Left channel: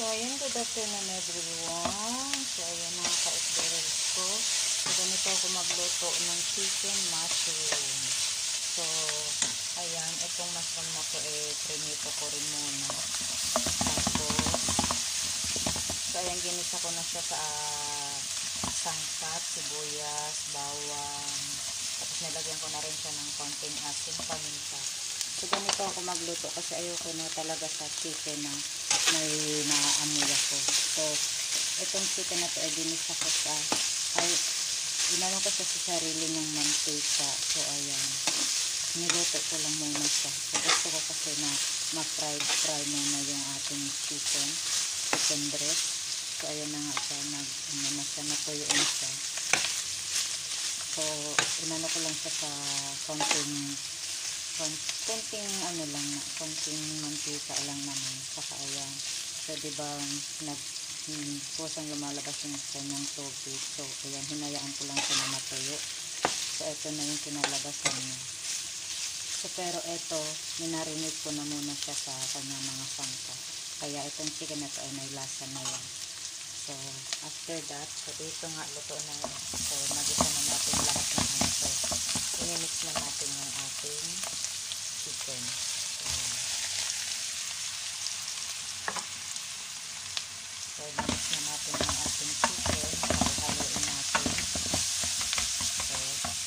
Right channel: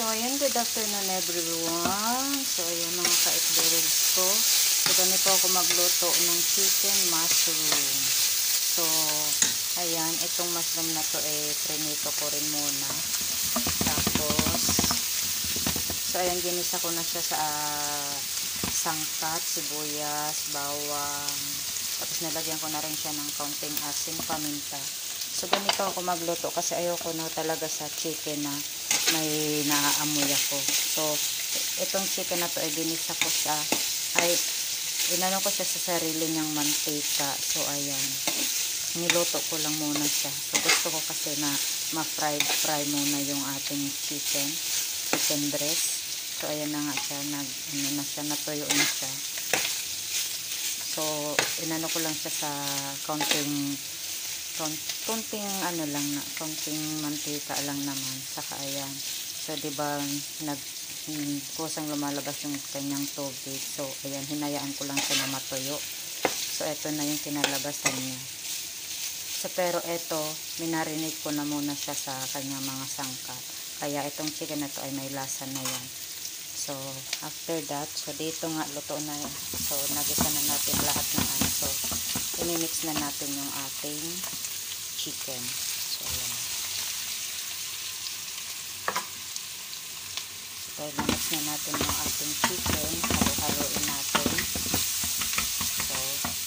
So, ayan, good afternoon everyone. So, ayan mga ka-eatberries ko. So, ganito ako magluto ng chicken mushroom. So, ayan, itong mushroom na to prenito ko rin muna. Tapos, so, ayan, ginisa ko na siya sa sangkat, sibuyas, bawang. Tapos, nilagyan ko na rin siya ng kaunting asin, paminta. So, ganito ako magluto kasi ayoko na talaga sa chicken na may naaamoy ako. So, itong chicken na to ginisa ko siya. Inano ko siya sa sarili niyang mantika. So, ayan. Niluto ko lang muna siya. So, gusto ko kasi na ma-fry muna yung ating chicken breast. So, ayan na nga siya. Natuyo na siya. So, inano ko lang siya sa konting mantika lang naman. Saka ayan. So, diba, kusang lumalabas yung kanyang tubig. So, ayan, hinayaan ko lang siya na matuyo. So, eto na yung kinalabasan niya. So, pero eto, minarinate ko na muna siya sa kanyang mga sangkap. Kaya itong chicken na to ay may lasa na yan. So, after that, so dito nga, luto na. So, nagisa na natin lahat ng ano. So, inimix na natin yung ating chicken. So, ayan. So, i-mix na natin yung ating chicken. Halo-haloin natin. So,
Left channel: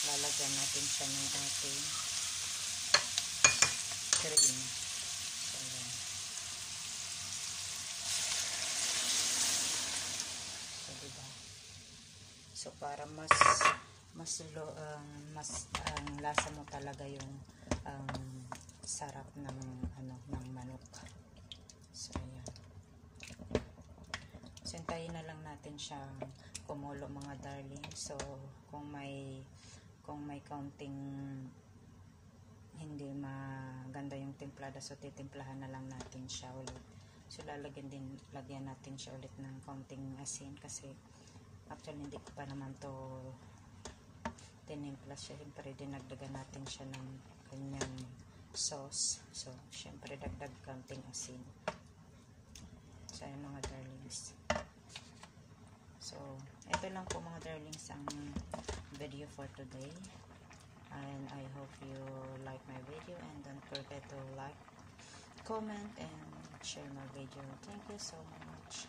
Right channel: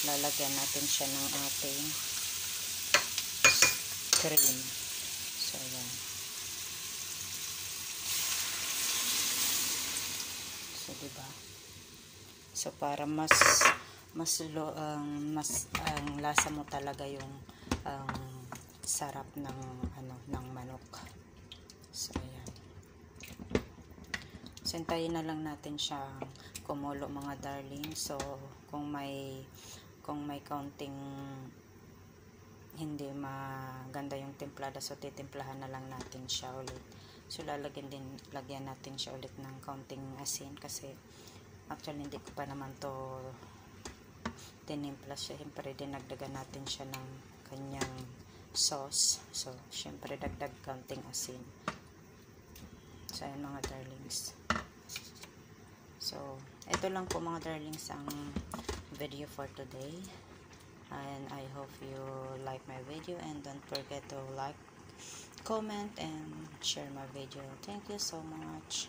lalagyan natin siya ng ating cream. So, ayan. So, diba? So, para mas lasa mo talaga yung sarap ng manok. So, ayan. So, hintayin na lang natin siyang kumulo mga darling. So, kung may kaunting hindi maganda yung templada, so titimplahan na lang natin siya ulit. So, lagyan natin siya ulit ng kaunting asin kasi actually hindi ko pa naman to tinimpla siya. Siyempre, dinagdagan natin siya ng kanyang sauce. So, siyempre, dagdag kaunting asin. So, ayan mga darlings. So, ito lang po mga darlings ang video for today. And I hope you like my video. And don't forget to like, comment, and share my video. Thank you so much.